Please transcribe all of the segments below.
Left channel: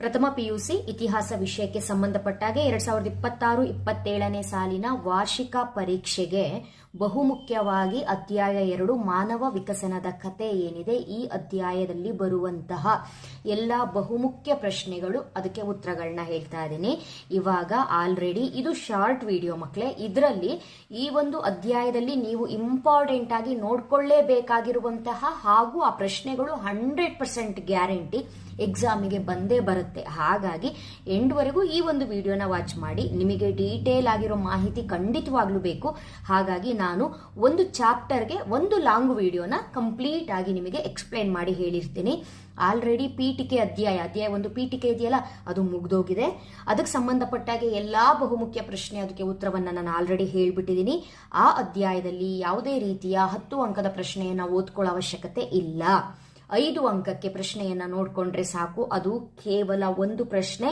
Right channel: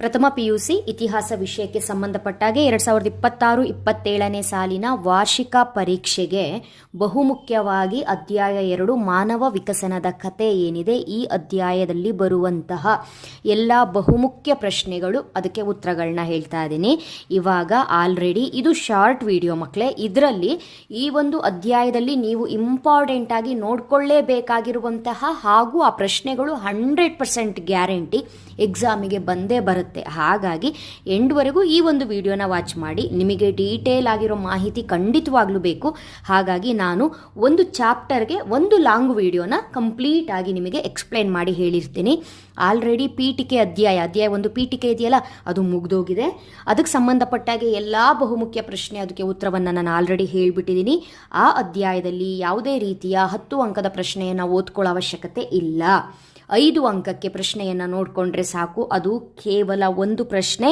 ಪ್ರಥಮ ಪಿಯುಸಿ ಇತಿಹಾಸ ವಿಷಯಕ್ಕೆ ಸಂಬಂಧಪಟ್ಟಾಗೆ 2026-27ನೇ ಸಾಲಿನ ವಾರ್ಷಿಕ ಪರೀಕ್ಷೆಗೆ ಬಹುಮುಖ್ಯವಾಗಿ ಅಧ್ಯಾಯ 2 ಮಾನವ ವಿಕಸನದ ಕತೆ ಏನಿದೆ, ಈ ಅಧ್ಯಾಯದಲ್ಲಿ ಬರುವಂತಹ ಎಲ್ಲ ಬಹುಮುಖ್ಯ ಪ್ರಶ್ನೆಗಳು, ಅದಕ್ಕೆ ಉತ್ತರಗಳನ್ನ ಹೇಳ್ತಾ ಇದ್ದೀನಿ. ಇವಾಗ ಆಲ್ರೆಡಿ ಇದು ಶಾರ್ಟ್ ವಿಡಿಯೋ ಮಕ್ಕಳೇ. ಇದರಲ್ಲಿ ಈ ಒಂದು ಅಧ್ಯಾಯದಲ್ಲಿ ನೀವು ಇಂಪಾರ್ಟೆಂಟ್ ಆಗಿ ನೋಡ್ಕೊಳ್ಳೇಬೇಕಾಗಿರುವಂತಹ ಹಾಗೂ ಆ ಪ್ರಶ್ನೆಗಳು 100% ಗ್ಯಾರಂಟಿ ಎಕ್ಸಾಮಿಗೆ ಬಂದೇ ಬರುತ್ತೆ. ಹಾಗಾಗಿ ಎಂಡ್ವರೆಗೂ ಈ ಒಂದು ವಿಡಿಯೋನ ವಾಚ್ ಮಾಡಿ. ನಿಮಗೆ ಡೀಟೇಲ್ ಆಗಿರೋ ಮಾಹಿತಿ ಖಂಡಿತವಾಗ್ಲೂ ಬೇಕು. ಹಾಗಾಗಿ ನಾನು ಒಂದು ಚಾಪ್ಟರ್ಗೆ ಒಂದು ಲಾಂಗ್ ವಿಡಿಯೋನ ಕಂಪ್ಲೀಟ್ ಆಗಿ ನಿಮಗೆ ಎಕ್ಸ್ಪ್ಲೈನ್ ಮಾಡಿ ಹೇಳಿರ್ತೀನಿ. ಆಲ್ರೆಡಿ ಪೀಠಿಕೆ ಅಧ್ಯಾಯ ಒಂದು ಪೀಠಿಕೆ ಇದೆಯಲ್ಲ, ಅದು ಮುಗ್ದೋಗಿದೆ. ಅದಕ್ಕೆ ಸಂಬಂಧಪಟ್ಟಾಗೆ ಎಲ್ಲ ಬಹುಮುಖ್ಯ ಪ್ರಶ್ನೆ, ಅದಕ್ಕೆ ಉತ್ತರವನ್ನು ನಾನು ಆಲ್ರೆಡಿ ಹೇಳಿಬಿಟ್ಟಿದ್ದೀನಿ. ಆ ಅಧ್ಯಾಯದಲ್ಲಿ ಯಾವುದೇ ರೀತಿಯ 10 ಅಂಕದ ಪ್ರಶ್ನೆಯನ್ನು ಓದ್ಕೊಳ್ಳೋ ಅವಶ್ಯಕತೆ ಇಲ್ಲ. 5 ಅಂಕಕ್ಕೆ ಪ್ರಶ್ನೆಯನ್ನು ನೋಡಿಕೊಂಡ್ರೆ ಸಾಕು. ಅದು ಕೇವಲ ಒಂದು ಪ್ರಶ್ನೆ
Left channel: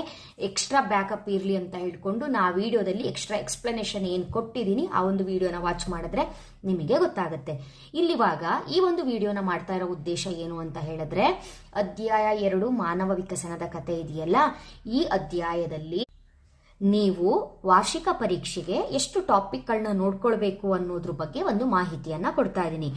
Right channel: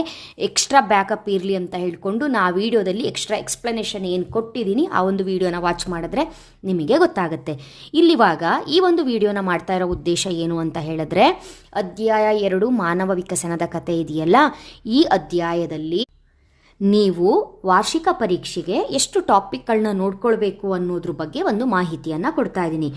ಎಕ್ಸ್ಟ್ರಾ ಬ್ಯಾಕಪ್ ಇರಲಿ ಅಂತ ಹೇಳ್ಕೊಂಡು ನಾ ವಿಡಿಯೋದಲ್ಲಿ ಎಕ್ಸ್ಟ್ರಾ ಎಕ್ಸ್ಪ್ಲನೇಷನ್ ಏನು ಕೊಟ್ಟಿದ್ದೀನಿ, ಆ ಒಂದು ವಿಡಿಯೋನ ವಾಚ್ ಮಾಡಿದ್ರೆ ನಿಮಗೆ ಗೊತ್ತಾಗುತ್ತೆ. ಇಲ್ಲಿವಾಗ ಈ ಒಂದು ವಿಡಿಯೋನ ಮಾಡ್ತಾ ಇರೋ ಉದ್ದೇಶ ಏನು ಅಂತ ಹೇಳಿದ್ರೆ, ಅಧ್ಯಾಯ 2 ಮಾನವ ವಿಕಸನದ ಕತೆ ಇದೆಯಲ್ಲ, ಈ ಅಧ್ಯಾಯದಲ್ಲಿ ನೀವು ವಾರ್ಷಿಕ ಪರೀಕ್ಷೆಗೆ ಎಷ್ಟು ಟಾಪಿಕ್ಗಳನ್ನ ನೋಡ್ಕೊಳ್ಬೇಕು ಅನ್ನೋದ್ರ ಬಗ್ಗೆ ಒಂದು ಮಾಹಿತಿಯನ್ನು ಕೊಡ್ತಾ ಇದ್ದೀನಿ.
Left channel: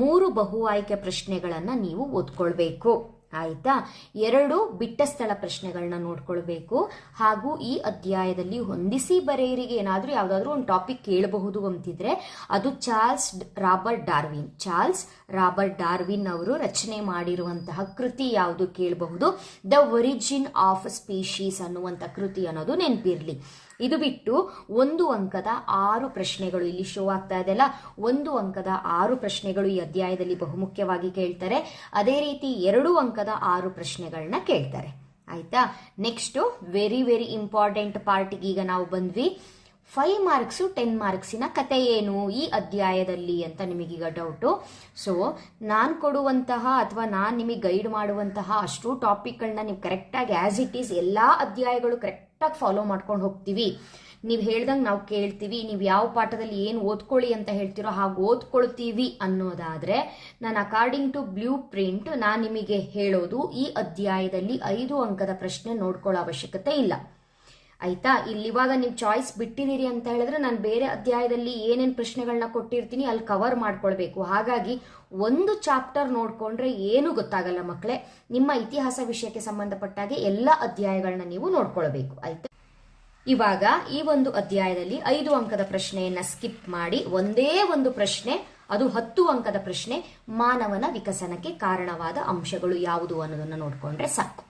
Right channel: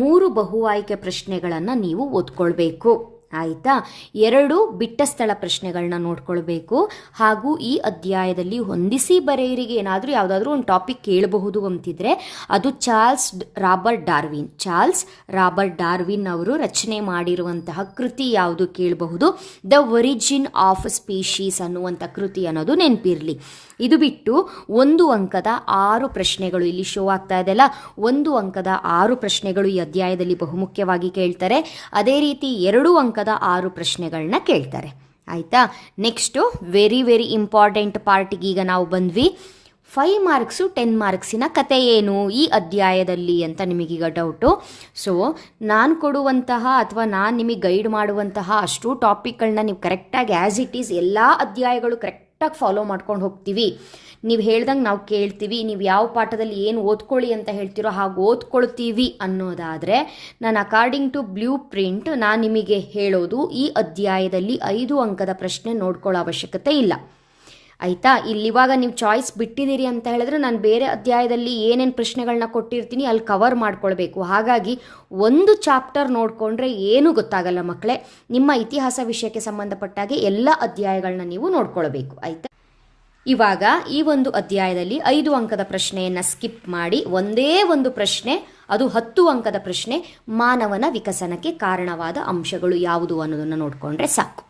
3 ಬಹು ಆಯ್ಕೆ ಪ್ರಶ್ನೆಗಳನ್ನು ನೀವು ಓದ್ಕೊಳ್ಬೇಕು, ಆಯಿತಾ. 2 ಬಿಟ್ಟ ಸ್ಥಳ ಪ್ರಶ್ನೆಗಳನ್ನ ನೋಡ್ಕೊಳ್ಬೇಕು. ಹಾಗೂ ಈ ಅಧ್ಯಾಯದಲ್ಲಿ ಹೊಂದಿಸಿ ಬರೆಯರಿಗೆ ಏನಾದರೂ ಯಾವುದಾದ್ರೂ ಒಂದು ಟಾಪಿಕ್ ಕೇಳಬಹುದು ಅಂತಿದ್ರೆ ಅದು ಚಾರ್ಲ್ಸ್ ರಾಬರ್ಟ್ ಡಾರ್ವಿನ್ ಅವರು ರಚನೆ ಮಾಡಿರುವಂತಹ ಕೃತಿ ಯಾವುದು ಕೇಳಬಹುದು. ದ ಒರಿಜಿನ್ ಆಫ್ ಸ್ಪೀಶೀಸ್ ಅನ್ನುವಂಥ ಕೃತಿ ಅನ್ನೋದು ನೆನಪಿರಲಿ. ಇದು ಬಿಟ್ಟು 1 ಅಂಕದ 6 ಪ್ರಶ್ನೆಗಳು ಇಲ್ಲಿ ಶೋ ಆಗ್ತಾ ಇದೆಯಲ್ಲ, 1 ಅಂಕದ 6 ಪ್ರಶ್ನೆಗಳು ಈ ಅಧ್ಯಾಯದಲ್ಲಿ ಬಹುಮುಖ್ಯವಾಗಿ ಕೇಳ್ತಾರೆ. ಅದೇ ರೀತಿ 2 ಅಂಕದ 6 ಪ್ರಶ್ನೆಗಳನ್ನ ಕೇಳ್ತಾರೆ, ಆಯಿತಾ. ನೆಕ್ಸ್ಟು ವೆರಿ ಇಂಪಾರ್ಟೆಂಟ್ ಪಾರ್ಟಿಗೆ ಈಗ ನಾವು ಬಂದ್ವಿ. 5 ಮಾರ್ಕ್ಸು 10 ಮಾರ್ಕ್ಸಿನ ಕತೆ ಏನು ಈ ಅಧ್ಯಾಯದಲ್ಲಿ ಅಂತ ನಿಮಗೀಗ ಡೌಟು. ಸೊ ನಾನು ಕೊಡುವಂತಹ ಅಥವಾ ನಾನು ನಿಮಗೆ ಗೈಡ್ ಮಾಡುವಂತಹ ಅಷ್ಟು ಟಾಪಿಕ್ಗಳನ್ನ ನೀವು ಕರೆಕ್ಟಾಗಿ ಆ್ಯಸ್ ಇಟ್ ಈಸ್ ಎಲ್ಲ ಅಧ್ಯಾಯಗಳು ಕರೆಕ್ಟಾಗಿ ಫಾಲೋ ಮಾಡ್ಕೊಂಡು ಹೋಗ್ತೀವಿ. ನೀವು ಹೇಳ್ದಂಗೆ ನಾವು ಕೇಳ್ತೀವಿ, ನೀವು ಯಾವ ಪಾಠದಲ್ಲಿ ಏನು ಓದ್ಕೊಳ್ಳಿ ಅಂತ ಹೇಳ್ತೀರೋ ಹಾಗೆ ಓದ್ಕೊಳ್ತೀವಿ ಅನ್ನೋದಾದರೆ, ನಾನು ಅಕಾರ್ಡಿಂಗ್ ಟು ಬ್ಲೂ ಪ್ರಿಂಟ್ ನಾನು ನಿಮಗೆ ಹೇಳೋದು ಈ ಅಧ್ಯಾಯದಲ್ಲಿ 5 ಅಂಕದ ಪ್ರಶ್ನೆ ನೋಡ್ಕೊಳ್ಳೋ ಅವಶ್ಯಕತೆ ಇಲ್ಲ, ಆಯಿತಾ. ಇಲ್ಲಿವಾಗ ನೀವು ಚಾಯ್ಸ್ ಬಿಟ್ಟಿದ್ದೀರಿ ಅಂತ ಹೇಳಿದ್ರೆ ನಾನು ಬೇರೆ ಅಧ್ಯಾಯದಲ್ಲಿ ಏನೇನು ಪ್ರಶ್ನೆಗಳನ್ನ ಕೊಟ್ಟಿರ್ತೀನಿ ಅಲ್ಲಿ ಕವರ್ ಮಾಡ್ಕೊಳ್ಬೇಕು. ಹಾಗಾಗಿ ಒಂದು ಚಾಪ್ಟರ್ ನೋಡಿಕೊಂಡ್ರೆ ಏನೂ ಗೊತ್ತಾಗಲ್ಲ ಮಕ್ಕಳೇ. ನಿಮ್ಮ ಇತಿಹಾಸ ವಿಷಯಕ್ಕೆ ಸಂಬಂಧಪಟ್ಟಾಗೆ ಎಲ್ಲ ಅಧ್ಯಾಯಗಳನ್ನ ನೀವು ನೋಡ್ಕೊಳ್ಬೇಕು, ಆಯಿತಾ. ಇವಾಗ ಈ ಒಂದು ಅಧ್ಯಾಯದಲ್ಲಿ 5 ಅಂಕದ ಪ್ರಶ್ನೆಯನ್ನು ಸ್ಕಿಪ್ ಮಾಡಿ ಒಂದೇ ಒಂದು ಪ್ರಶ್ನೆ, ಅದು 10 ಅಂಕದ ಪ್ರಶ್ನೆ, ಮಾನವನ ವಿಕಸನಕ್ಕೆ ಕಾರಣವಾದ ಅಂಶಗಳು ಯಾವುದು ಅನ್ನೋದನ್ನು ನೋಡಿಕೊಂಡ್ರೆ ಸಾಕು.